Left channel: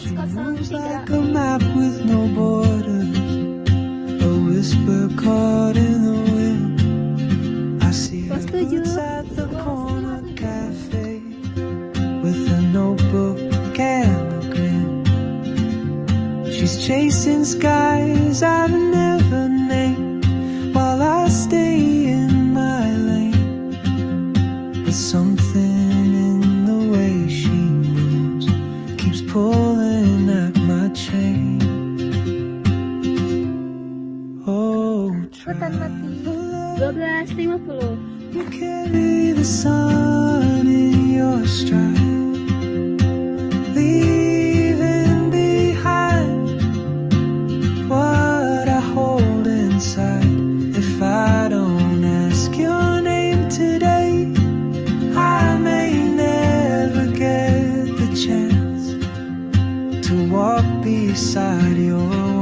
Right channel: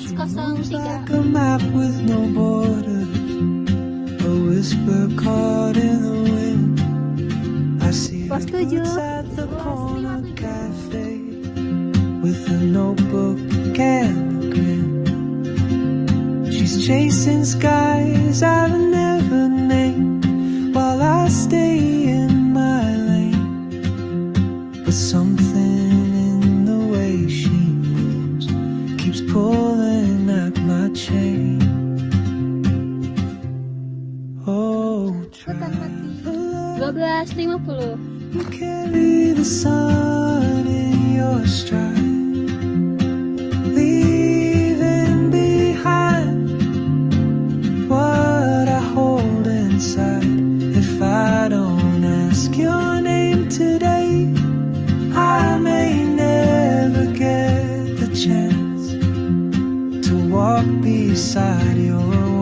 She moves like 11.03. a map with no borders, a whisper caught in the wind. I see her Pos 7. boots at the corner cafe with a notebook and a grin. She's chasing skies I've never named while I stay in my lane. But something in the way she moves keeps pulling at my chain. Oh, traveler, 12.50. you carry the sun in your stride, leaving behind what I hold inside. If I don't ask your name today, I may never get the chance to walk beside your